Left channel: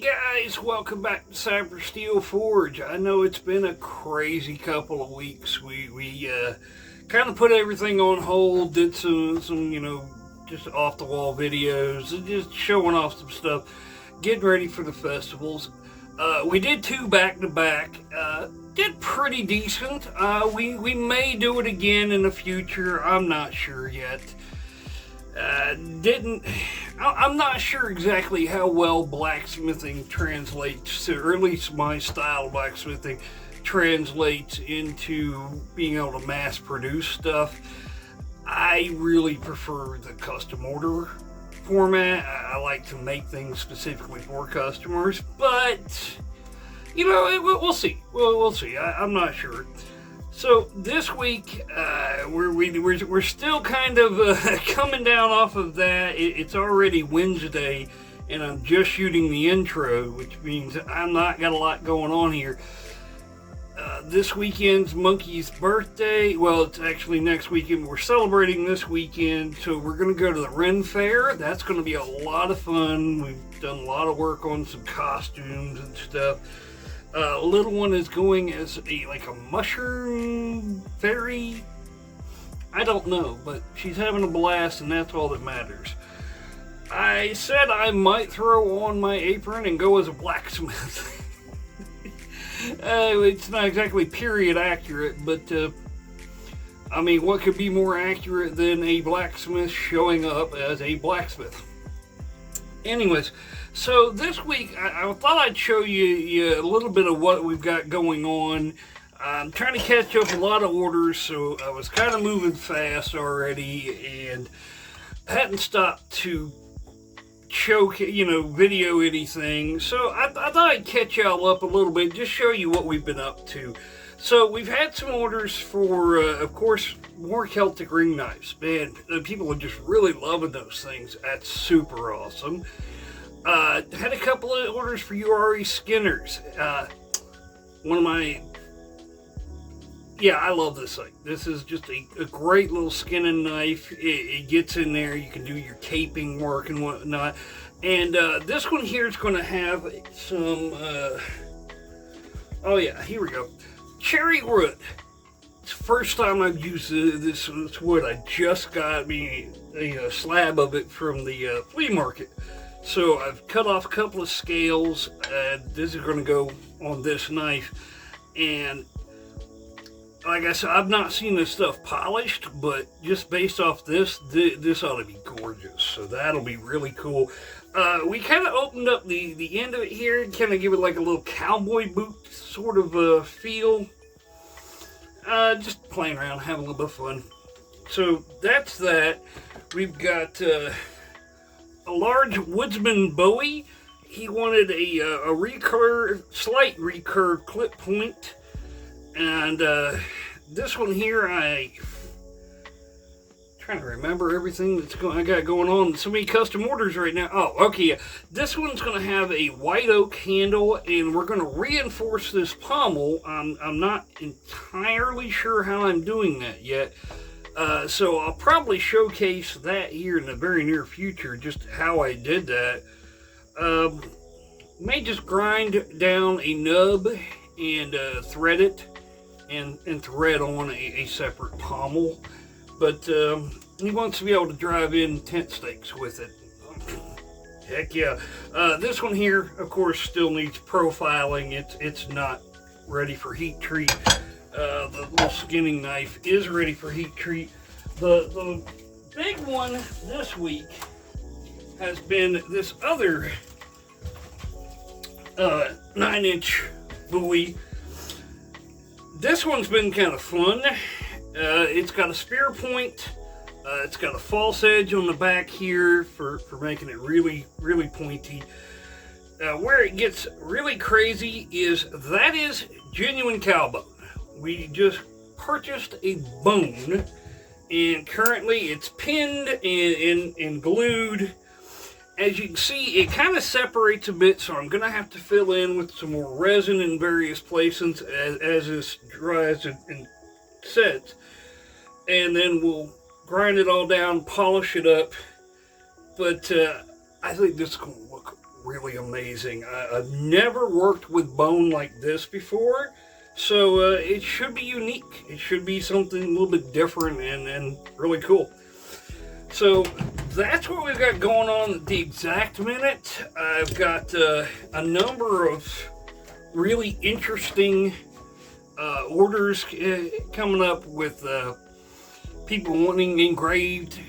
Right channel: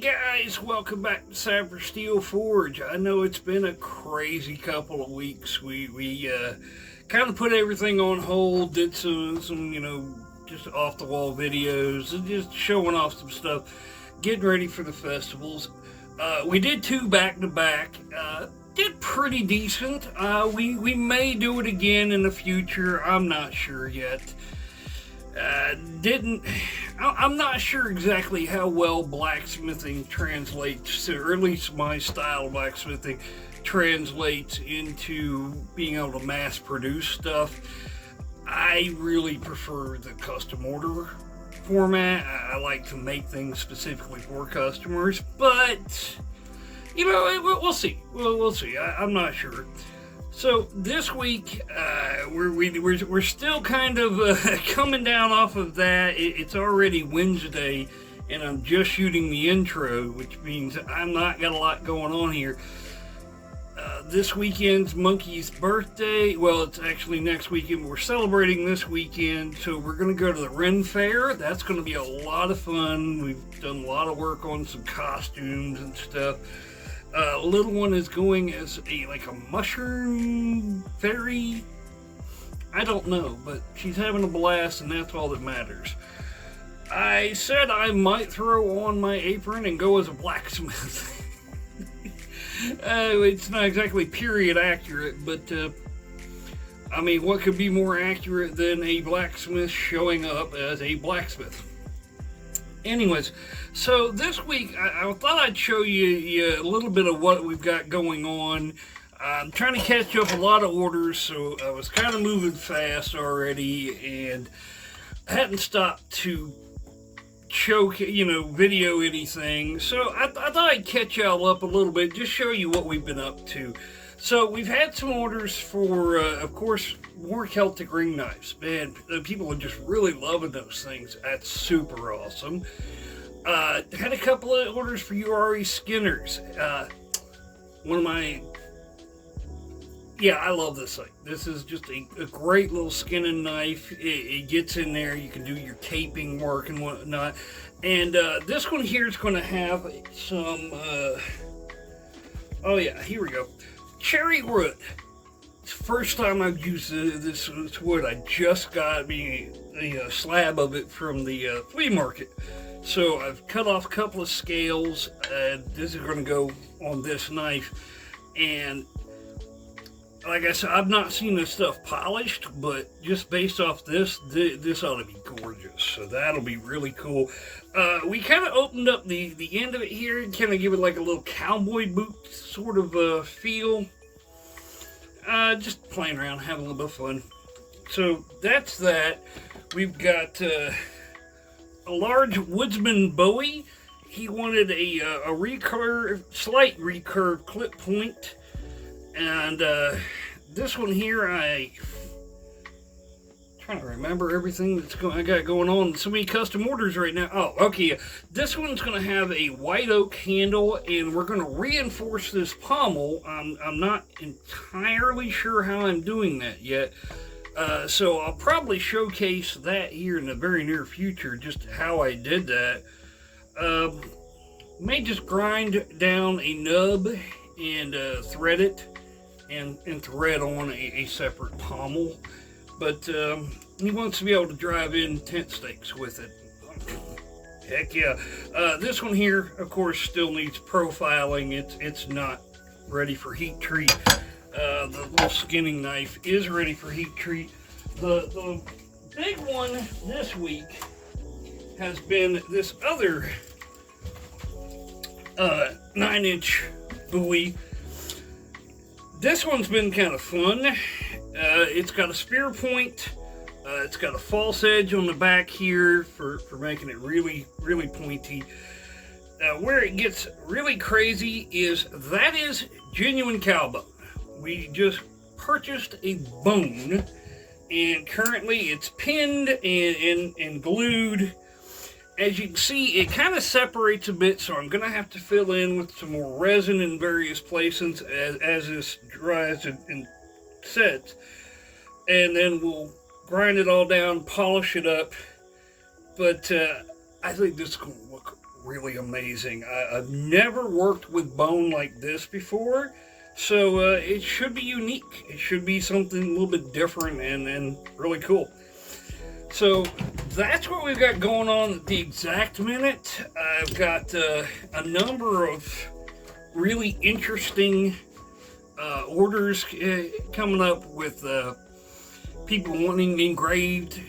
Guys, welcome back to Cyber Steel Forge. I know it's been a crazy couple of weeks. We kind of put everything on hold, did some just off the wall videos, and just showing off some stuff, getting ready for the festivals. We did 2 back to back. Did pretty decent. We may do it again in the future. I'm not sure yet. I'm not sure exactly how well blacksmithing translates to, or at least my style of blacksmithing translates into being able to mass produce stuff. I really prefer the custom order format. I like to make things specifically for customers, but we'll see. We'll see. I'm not sure. So this week, we're still kind of coming down off of that. It's already Wednesday, and I'm just shooting the intro, which means I'm not got a lot going on here. This weekend's Monkey's birthday. Well, it's actually next weekend. We're celebrating this weekend, so we're going to go to the Ren Fair. That's going to be a lot of fun. We've done a lot of work on some costumes and stuff. Little one is going as a mushroom fairy. I don't know, but she's having a blast, and that's all that matters. I said I might throw on my apron and go as a blacksmith. It's not exactly period accurate, but what could be more accurate than a blacksmith showing up as a blacksmith? Anyways, so this week I thought I'd show you a little bit of what we've got going on. I'm trying to catch up a lot of orders, so I was kind of moving fast already, and I hadn't stopped to video anything. So I thought I'd catch y'all up a little bit, just show you what we've been up to. So we've had some orders for, of course, more Celtic ring knives. Man, people are just really loving those things. That's super awesome. Had a couple of orders for URE skinners. One of my... Yeah, I love this thing. This is just a great little skinning knife. It gets in there. You can do your caping work and whatnot. And this one here is going to have some... oh yeah, here we go. Cherry wood. It's the first time I've used this wood. I just got me a slab of it from the flea market. So I've cut off a couple of scales. This is going to go on this knife. And like I said, I've not seen this stuff polished, but just based off this ought to be gorgeous. So that'll be really cool. We kind of opened up the end of it here and kind of give it like a little cowboy boot sort of feel. Just playing around, having a little bit of fun. So that's that. We've got a large Woodsman Bowie. He wanted a slight recurve clip point. And this one here, I'm trying to remember everything I got going on. So many custom orders right now. Oh, okay. Yeah. This one's going to have a white oak handle, and we're going to reinforce this pommel. I'm not entirely sure how I'm doing that yet. So I'll probably showcase that here in the very near future, just how I did that. May just grind down a nub and thread it. And thread on a separate pommel, but he wants to be able to drive in tent stakes with it. Heck yeah. This one here, of course, still needs profiling. It's not ready for heat treat. The little skinning knife is ready for heat treat. The big one this week has been this other 9-inch Bowie. This one's been kind of fun. It's got a spear point. It's got a false edge on the back here for making it really, really pointy. Where it gets really crazy is that is genuine cow bone. We just purchased a bone, and currently it's pinned and glued. As you can see, it kind of separates a bit, so I'm going to have to fill in with some more resin in various places as this dries and sets. And then we'll grind it all down, polish it up. But I think this is going to look really amazing. I've never worked with bone like this before, so it should be unique. It should be something a little bit different and really cool. So that's what we've got going on at the exact minute. I've got a number of really interesting orders coming up with people wanting engraved,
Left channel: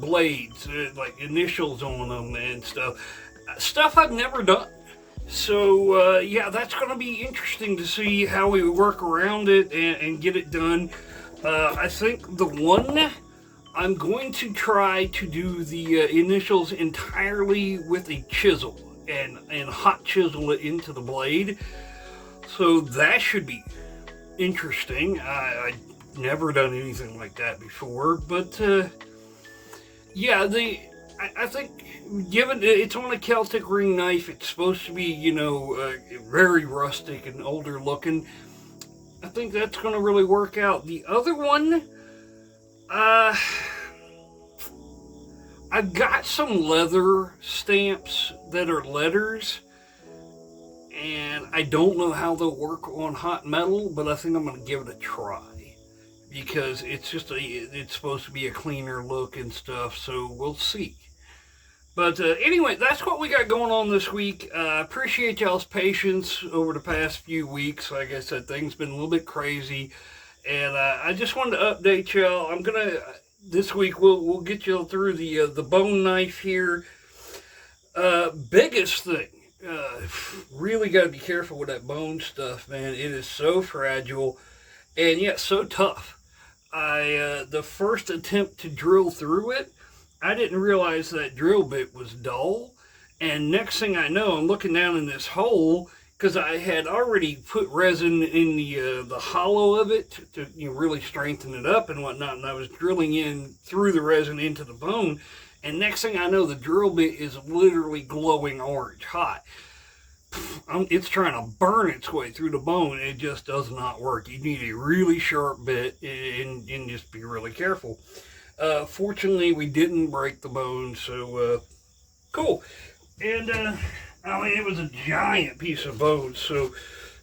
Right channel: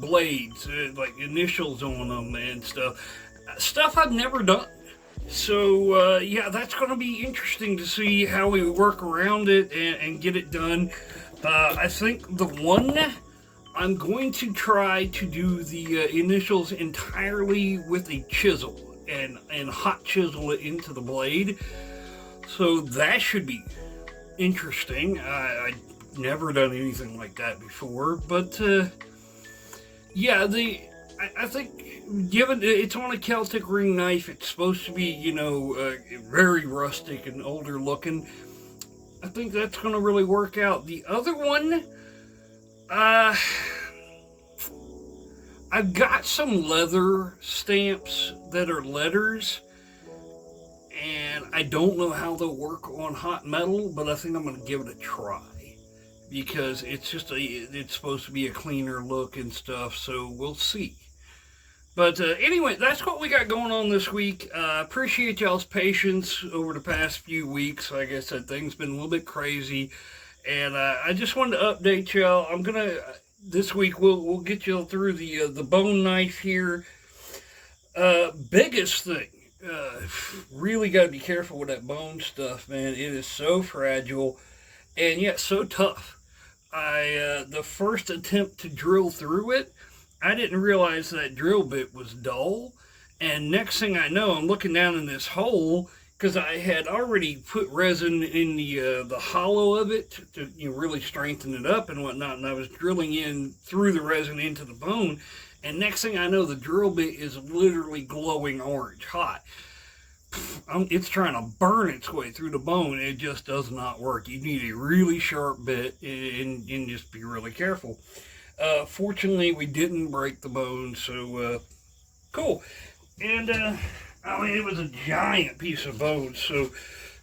blades, like initials on them and stuff I've never done. So yeah, that's going to be interesting to see how we work around it and get it done. I think the one, I'm going to try to do the initials entirely with a chisel and hot chisel it into the blade. So that should be interesting. I've never done anything like that before, but yeah, I think given it's on a Celtic ring knife, it's supposed to be, very rustic and older looking. I think that's going to really work out. The other one, I've got some leather stamps that are letters, and I don't know how they'll work on hot metal, but I think I'm going to give it a try because it's supposed to be a cleaner look and stuff, so we'll see. But anyway, that's what we got going on this week. Appreciate y'all's patience over the past few weeks. Like I said, things been a little bit crazy, and I just wanted to update y'all. This week we'll get you through the bone knife here. Biggest thing, really got to be careful with that bone stuff, man. It is so fragile and yet so tough. The first attempt to drill through it, I didn't realize that drill bit was dull, and next thing I know, I'm looking down in this hole because I had already put resin in the hollow of it to really strengthen it up and whatnot, and I was drilling in through the resin into the bone, and next thing I know, the drill bit is literally glowing orange hot. It's trying to burn its way through the bone, and it just does not work. You need a really sharp bit and just be really careful. Fortunately, we didn't break the bone, so cool. And it was a giant piece of bone, so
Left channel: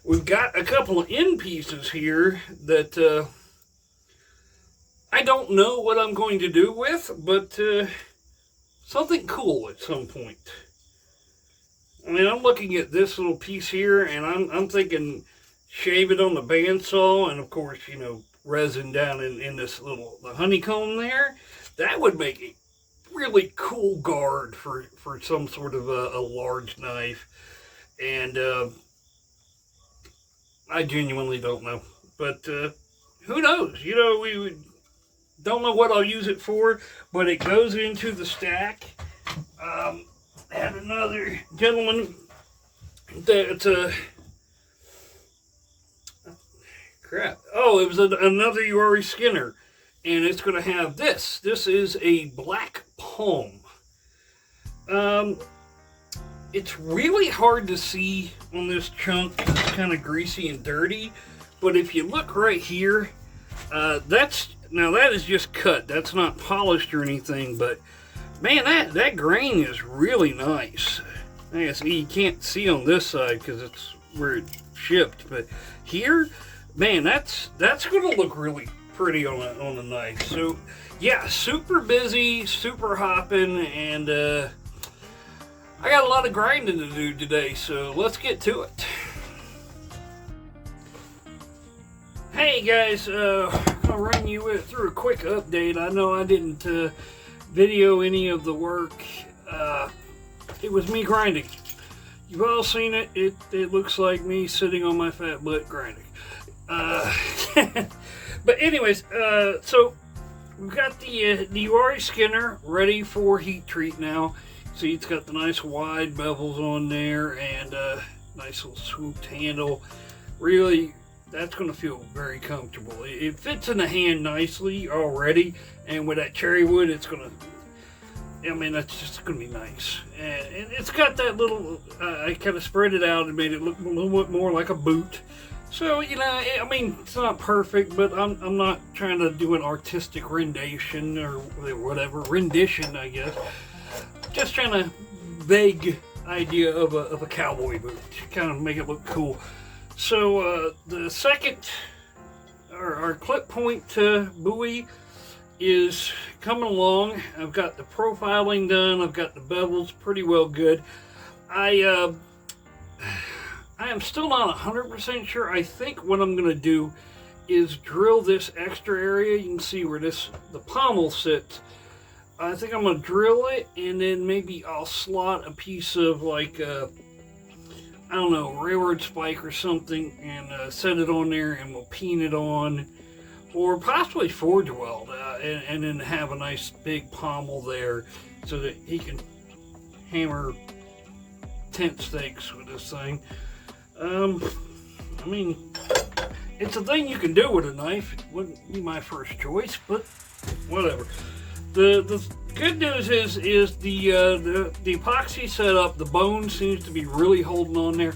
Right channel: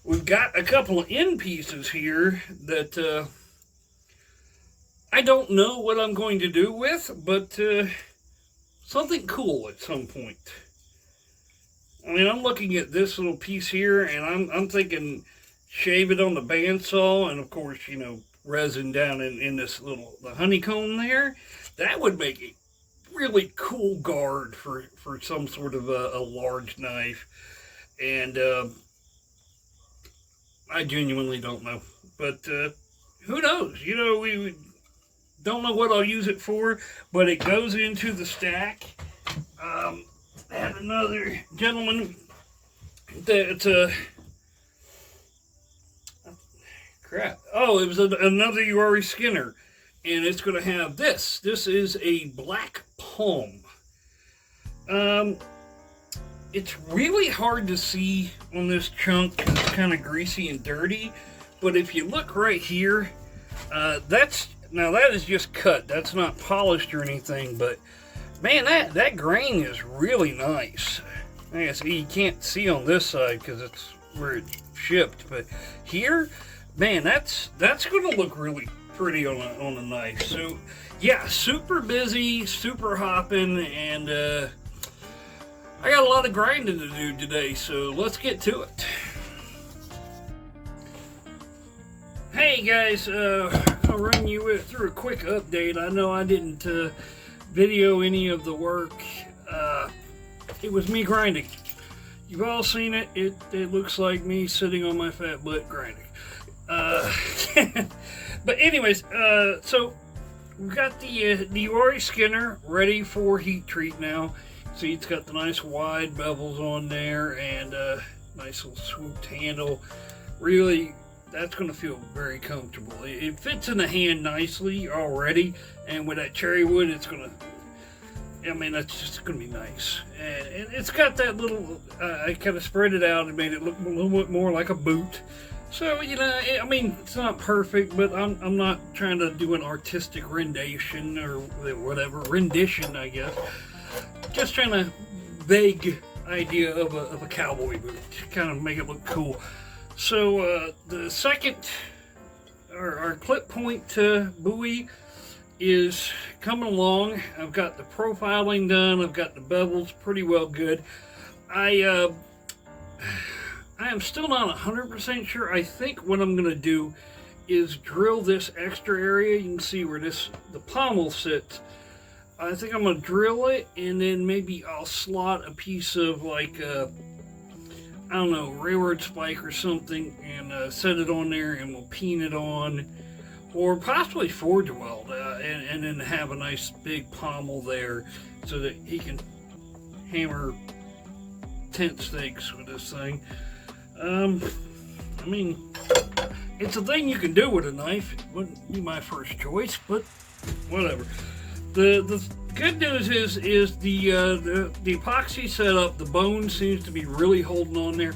we've got a couple of end pieces here that I don't know what I'm going to do with, but something cool at some point. I'm looking at this little piece here, and I'm thinking shave it on the bandsaw, and of course, resin down in this the honeycomb there. That would make a really cool guard for some sort of a large knife, and I genuinely don't know, but who knows? We don't know what I'll use it for, but it goes into the stack. Had another gentleman that crap. Oh, it was another Uri Skinner, and it's going to have this. This is a black palm. It's really hard to see on this chunk because it's kind of greasy and dirty, but if you look right here, that is just cut. That's not polished or anything, but man, that grain is really nice. I guess you can't see on this side because it's where it shipped, but here, man, that's going to look really pretty on a knife. So yeah, super busy, super hopping, and I got a lot of grinding to do today, so let's get to it. Hey guys, I'll run you through a quick update. I know I didn't video any of the work. It was me grinding. You've all seen it. It looks like me sitting on my fat butt grinding. But anyways, so we've got the Uri Skinner ready for heat treat now. See, it's got the nice wide bevels on there and nice little swooped handle. Really, that's going to feel very comfortable. It fits in the hand nicely already, and with that cherry wood, it's going to, that's just going to be nice. And it's got that little, I kind of spread it out and made it look a little bit more like a boot. So, it's not perfect, but I'm not trying to do an artistic rendition or whatever, rendition, I guess. Just trying to beg idea of a cowboy boot, to kind of make it look cool. So the second, our clip point buoy is coming along. I've got the profiling done. I've got the bevels pretty well good. I am still not 100% sure. I think what I'm going to do is drill this extra area. You can see where the pommel sits. I think I'm going to drill it, and then maybe I'll slot a piece of like, I don't know, railroad spike or something, and set it on there, and we'll peen it on, or possibly forge weld, and then have a nice big pommel there so that he can hammer tent stakes with this thing. I mean, it's a thing you can do with a knife. It wouldn't be my first choice, but whatever. The good news is the epoxy setup, the bone seems to be really holding on there.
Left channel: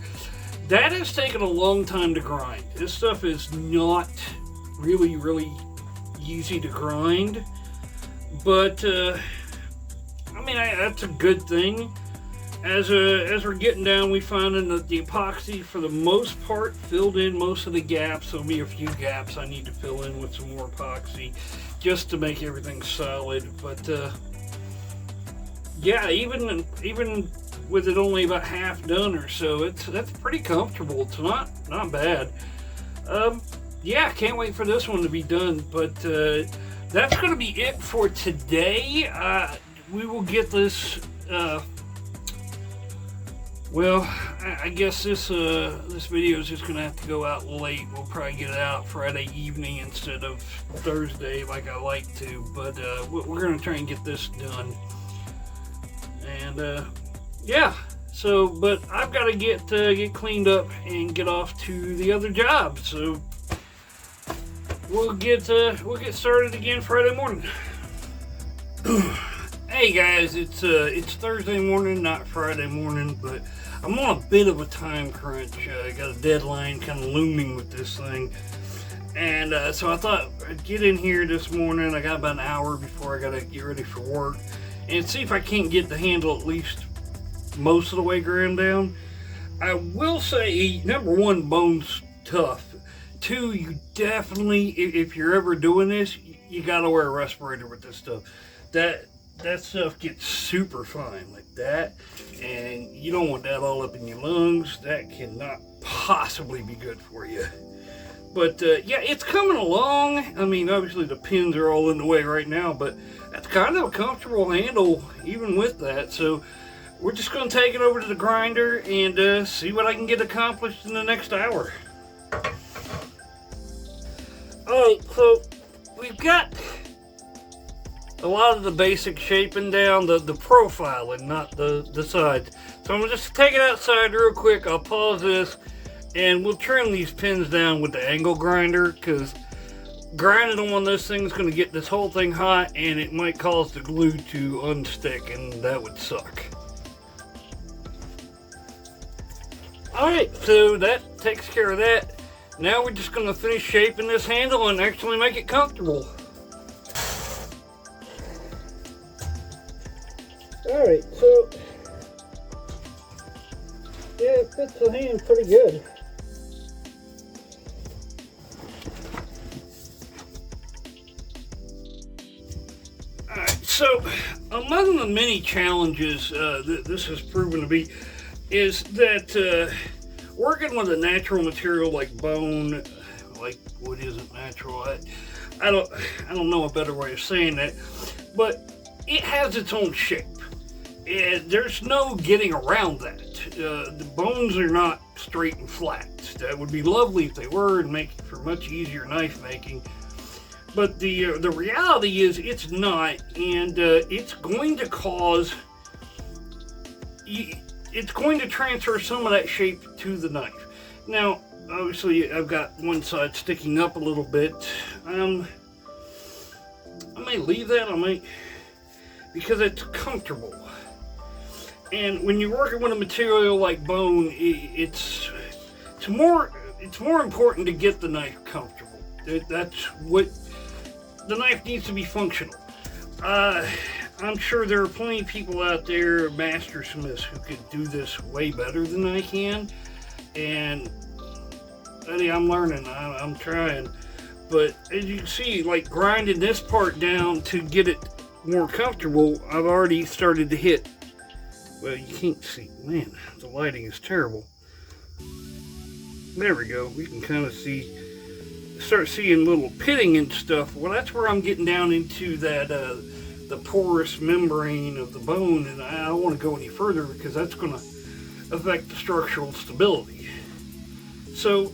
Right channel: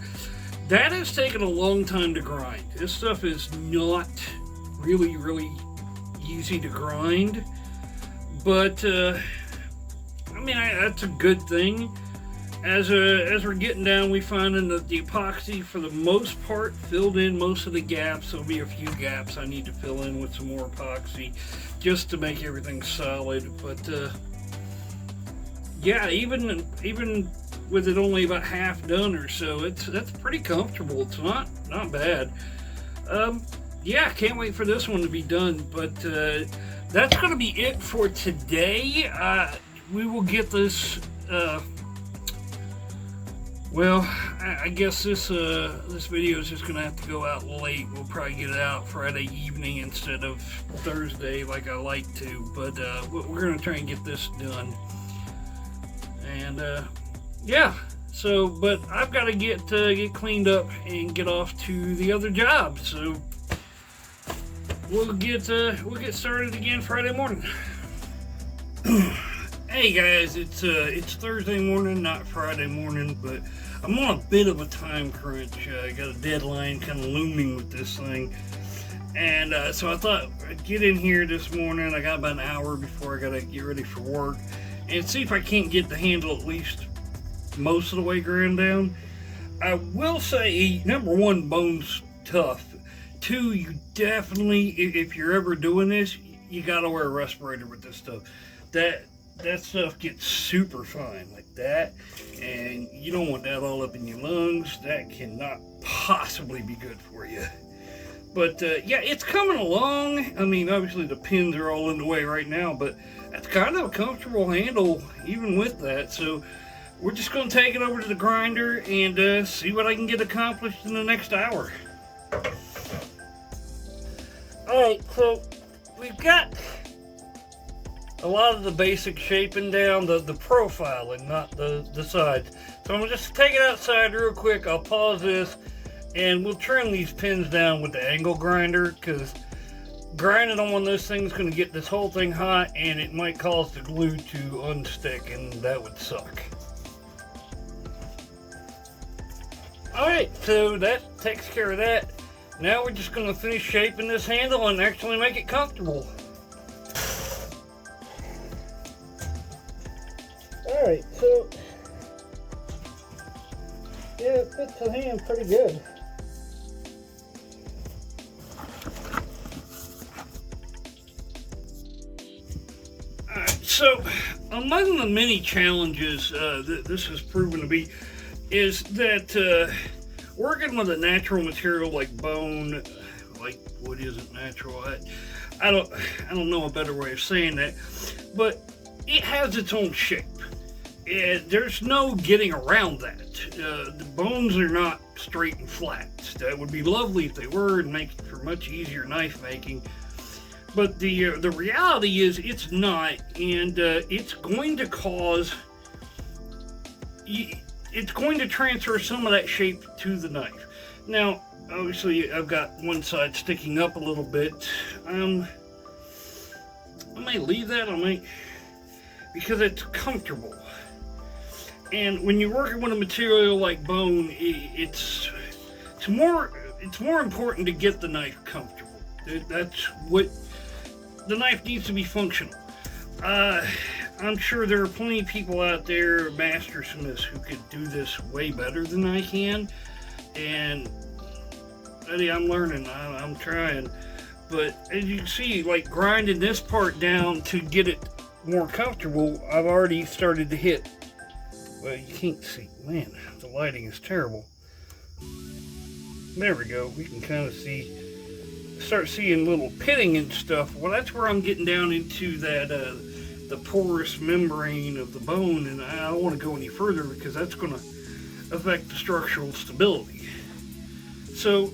That has taken a long time to grind. This stuff is not really easy to grind, but I mean, that's a good thing. As we're getting down, we finding that the epoxy, for the most part, filled in most of the gaps. There'll be a few gaps I need to fill in with some more epoxy, just to make everything solid. But yeah, even with it only about half done or so, that's pretty comfortable. It's not bad. Yeah, can't wait for this one to be done. But that's going to be it for today. We will get this. Well, I guess this video is just going to have to go out late. We'll probably get it out Friday evening instead of Thursday like I like to. But we're going to try and get this done. And yeah, so, but I've got to get cleaned up and get off to the other job. So we'll get started again Friday morning. Hey guys, it's Thursday morning, not Friday morning, but I'm on a bit of a time crunch. I got a deadline kind of looming with this thing, and so I thought I'd get in here this morning. I got about an hour before I got to get ready for work, and see if I can't get the handle at least most of the way ground down. I will say, number one, bone's tough. Two, you definitely, if you're ever doing this, you got to wear a respirator with this stuff. That stuff gets super fine like that, and you don't want that all up in your lungs. That cannot possibly be good for you. But yeah, it's coming along. I mean, obviously the pins are all in the way right now, but that's kind of a comfortable handle even with that. So we're just going to take it over to the grinder and see what I can get accomplished in the next hour. Alright, so we've got a lot of the basic shaping down, the profiling, not the sides. So I'm going to just take it outside real quick. I'll pause this, and we'll trim these pins down with the angle grinder, because grinding on one of those things is going to get this whole thing hot, and it might cause the glue to unstick, and that would suck. Alright, so that takes care of that. Now we're just going to finish shaping this handle and actually make it comfortable. Alright, so yeah, it fits the hand pretty good. Alright, so among the many challenges this has proven to be is that working with a natural material like bone, like wood isn't natural. I don't know a better way of saying that, but it has its own shape. There's no getting around that. The bones are not straight and flat. That would be lovely if they were and make for much easier knife making. But the reality is it's not, and it's going to cause, it's going to transfer some of that shape to the knife. Now, obviously, I've got one side sticking up a little bit. I may leave that. I might, because it's comfortable. And when you're working with a material like bone, it's more important to get the knife comfortable. That's what the knife needs to be functional. I'm sure there are plenty of people out there, master smiths, who could do this way better than I can. And Eddie, I'm learning. I'm trying. But as you can see, like grinding this part down to get it more comfortable, I've already started to hit. Well, you can't see. Man, the lighting is terrible. There we go. We can kind of start seeing little pitting and stuff. Well, that's where I'm getting down into that the porous membrane of the bone, and I don't want to go any further because that's going to affect the structural stability. So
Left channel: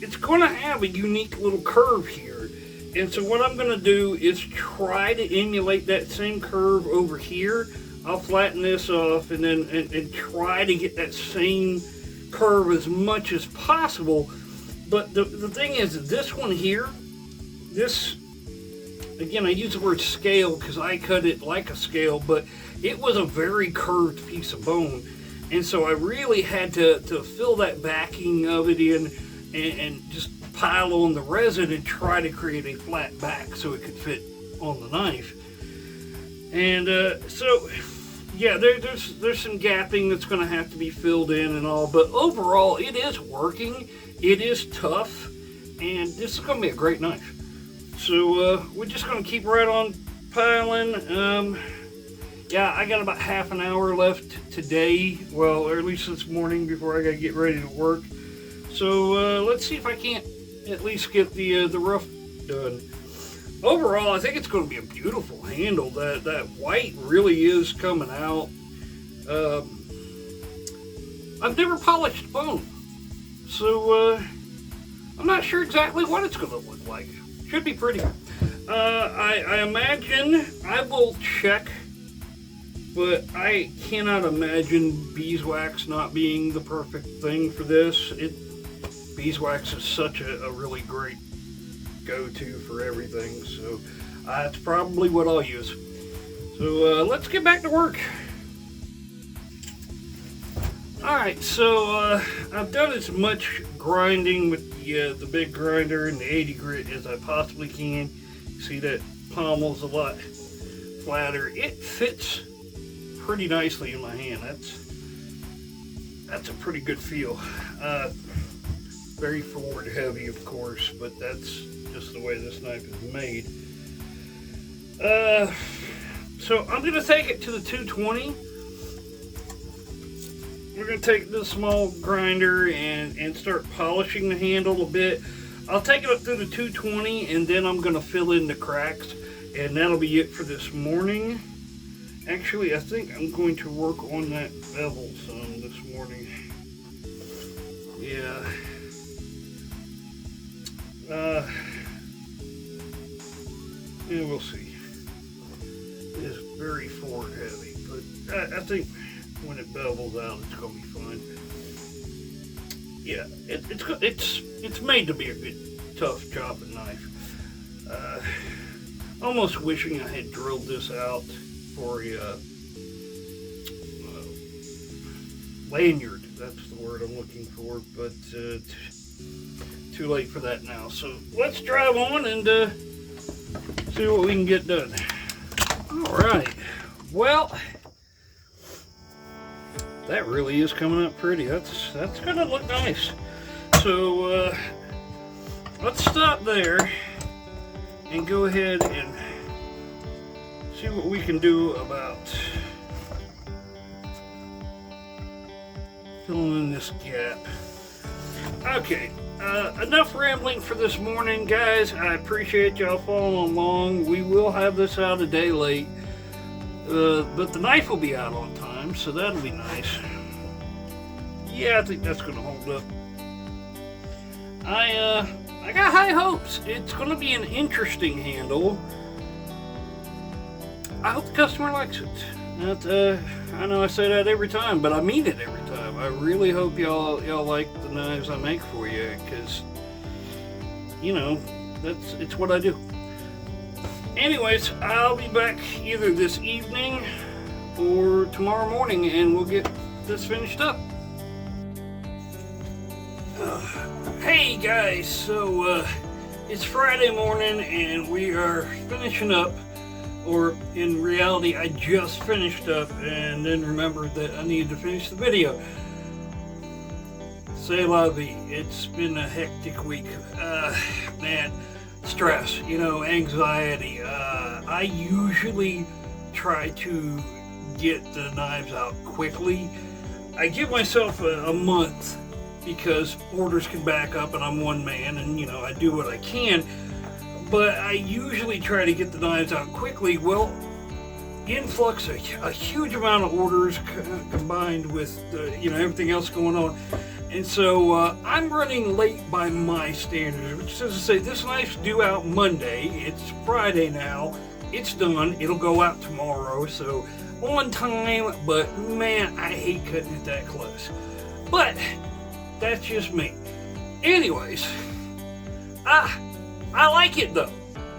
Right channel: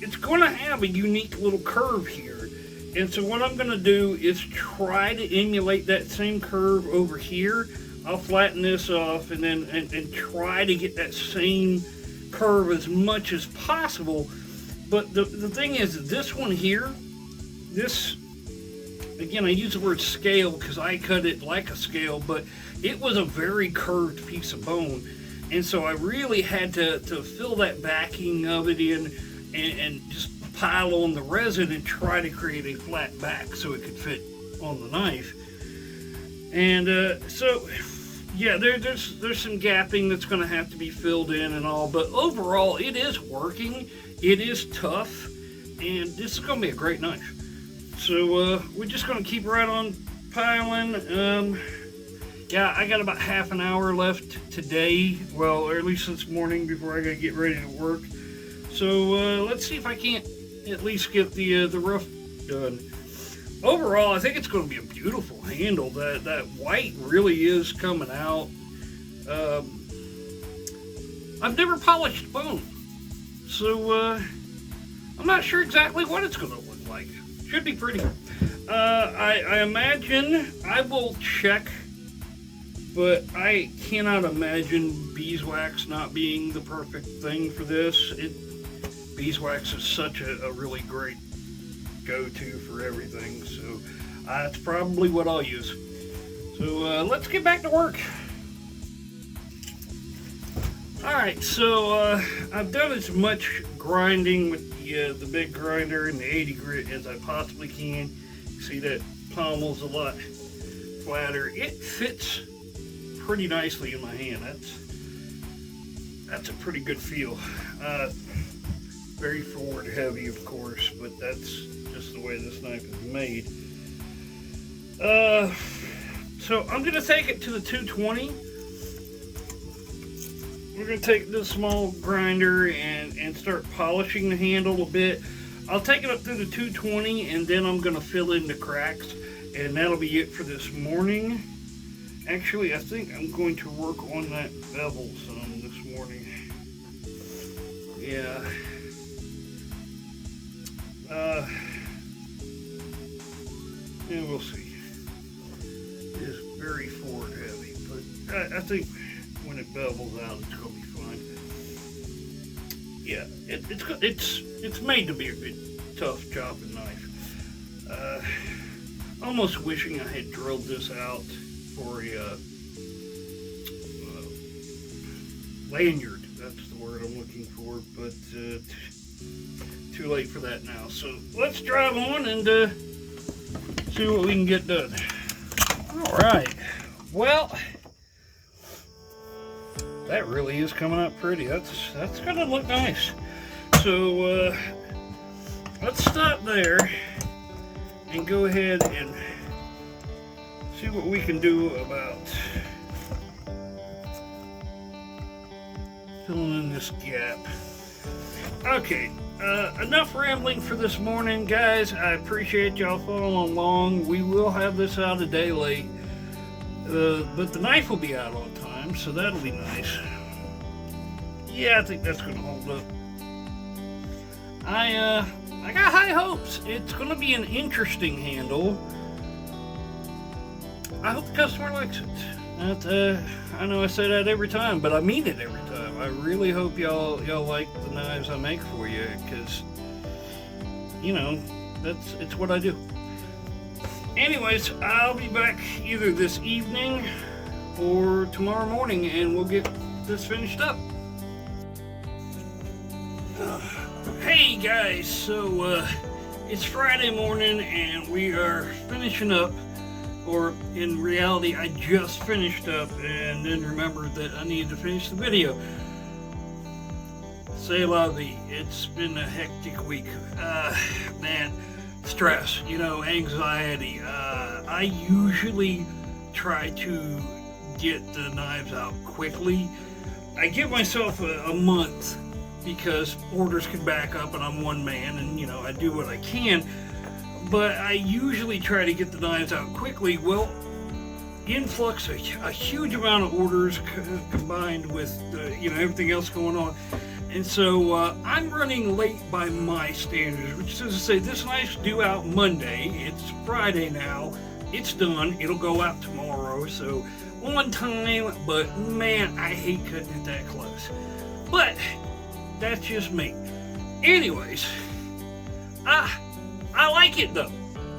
it's going to have a unique little curve here, and so what I'm going to do is try to emulate that same curve over here. I'll flatten this off and then and try to get that same curve as much as possible. But the thing is, this one here, this, again, I use the word scale because I cut it like a scale, but it was a very curved piece of bone. And so I really had to fill that backing of it in and just pile on the resin and try to create a flat back so it could fit on the knife. And so, yeah, there's some gapping that's going to have to be filled in and all, but overall it is working. It is tough, and this is going to be a great knife. So we're just going to keep right on piling. Yeah, I got about half an hour left today, well, or at least this morning before I got to get ready to work. So let's see if I can't at least get the rough done. Overall, I think it's going to be a beautiful handle. That white really is coming out. I've never polished bone, so I'm not sure exactly what it's going to look like. Should be pretty. I imagine I will check, but I cannot imagine beeswax not being the perfect thing for this. Beeswax is such a really great go-to for everything, so that's probably what I'll use. So let's get back to work. Alright, so I've done as much grinding with the big grinder and the 80 grit as I possibly can. See that pommel's a lot flatter. It fits pretty nicely in my hand. That's a pretty good feel. Very forward heavy, of course, but that's just the way this knife is made. So I'm going to take it to the 220. We're going to take this small grinder and start polishing the handle a bit. I'll take it up through the 220 and then I'm going to fill in the cracks, and that'll be it for this morning. Actually, I think I'm going to work on that bevel some this morning. Yeah. Yeah, we'll see. It is very forward heavy, but I think when it bevels out, it's gonna be fine. Yeah, it's good. It's made to be a good, tough chopping knife. Almost wishing I had drilled this out for a lanyard. That's the word I'm looking for, but too late for that now. So let's drive on and see what we can get done. All right. Well, that really is coming out pretty. That's gonna look nice. So let's stop there and go ahead and see what we can do about filling in this gap. Okay, enough rambling for this morning, guys. I appreciate y'all following along. We will have this out a day late, but the knife will be out on time, so that'll be nice. Yeah, I think that's gonna hold up. I got high hopes. It's gonna be an interesting handle. I hope the customer likes it. I know I say that every time, but I mean it every time. I really hope y'all like the knives I make for you, because you know it's what I do. Anyways, I'll be back either this evening or tomorrow morning, and we'll get this finished up. Hey guys, so it's Friday morning, and we are finishing up or in reality, I just finished up and then remembered that I needed to finish the video. C'est la vie. It's been a hectic week. Man, stress, anxiety. I usually try to get the knives out quickly. I give myself a month because orders can back up and I'm one man and, I do what I can. But I usually try to get the knives out quickly. Well, influx, a huge amount of orders combined with, everything else going on. And so I'm running late by my standards, which is to say this knife's due out Monday. It's Friday now. It's done. It'll go out tomorrow. So on time, but man, I hate cutting it that close. But that's just me. Anyways, I like it though.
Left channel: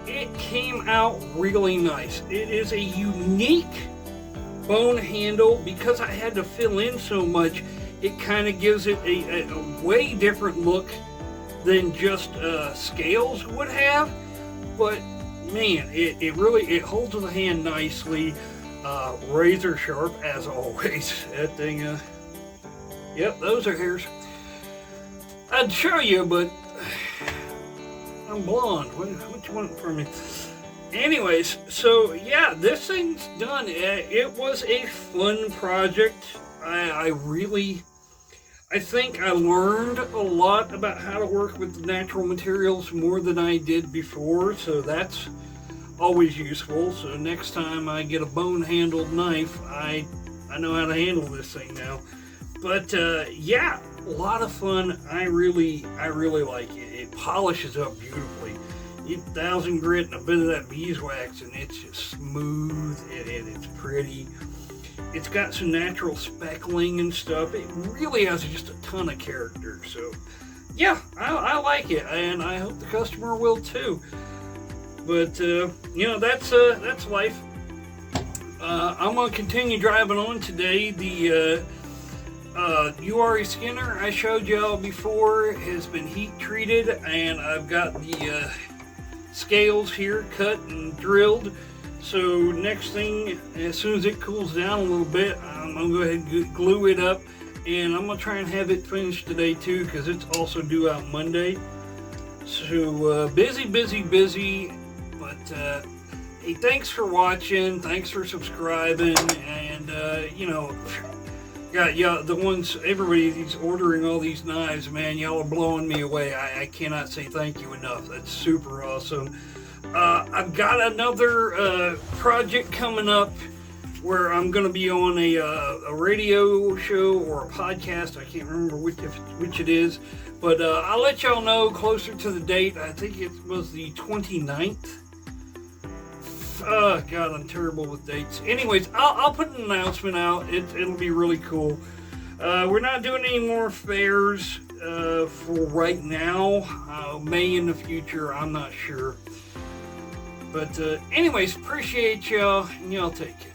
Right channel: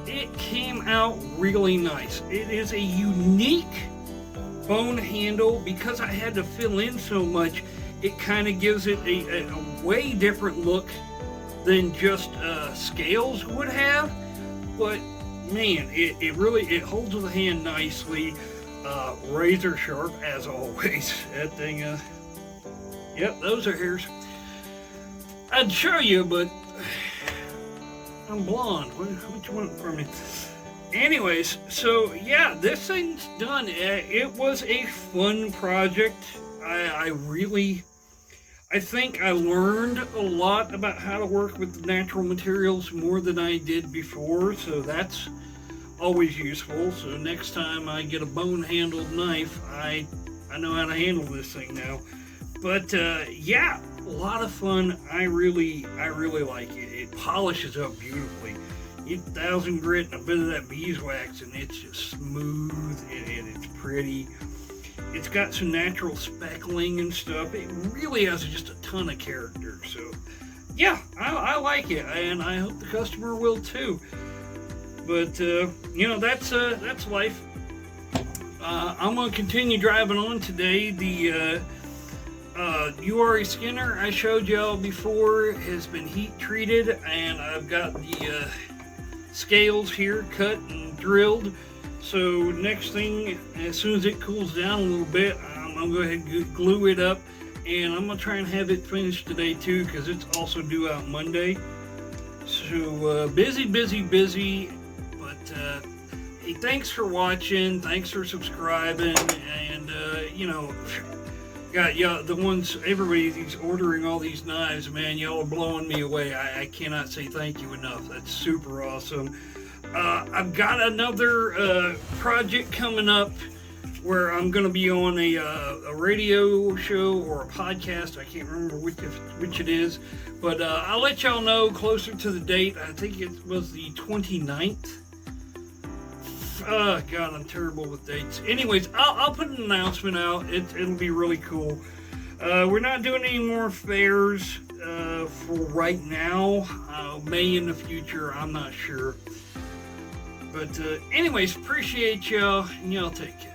It came out really nice. It is a unique bone handle. Because I had to fill in so much, it kind of gives it a way different look than just scales would have. But man, it holds the hand nicely. Razor sharp as always. That thing, yep, those are hairs. I'd show you, but I'm blonde. What you want from me? Anyways, so yeah, this thing's done. It was a fun project. I think I learned a lot about how to work with natural materials more than I did before, so that's always useful. So next time I get a bone-handled knife, I know how to handle this thing now. But yeah, a lot of fun. I really like it. It polishes up beautifully. You get 1000 grit and a bit of that beeswax, and it's just smooth and it's pretty. It's got some natural speckling and stuff. It really has just a ton of character. So yeah, I like it, and I hope the customer will too. But that's life. I'm gonna continue driving on today. The URE Skinner I showed y'all before has been heat treated, and I've got the scales here cut and drilled. So next thing, as soon as it cools down a little bit, I'm gonna go ahead and glue it up, and I'm gonna try and have it finished today too, because it's also due out Monday. So busy. But hey, thanks for watching. Thanks for subscribing, and got y'all, the ones, everybody's ordering all these knives, man. Y'all are blowing me away. I cannot say thank you enough. That's super awesome. I've got another project coming up where I'm going to be on a radio show or a podcast. I can't remember which it is, but I'll let y'all know closer to the date. I think it was the 29th. Oh, God, I'm terrible with dates. Anyways, I'll put an announcement out. It'll be really cool. We're not doing any more fairs for right now. May in the future, I'm not sure. But anyways, appreciate y'all, and y'all take care.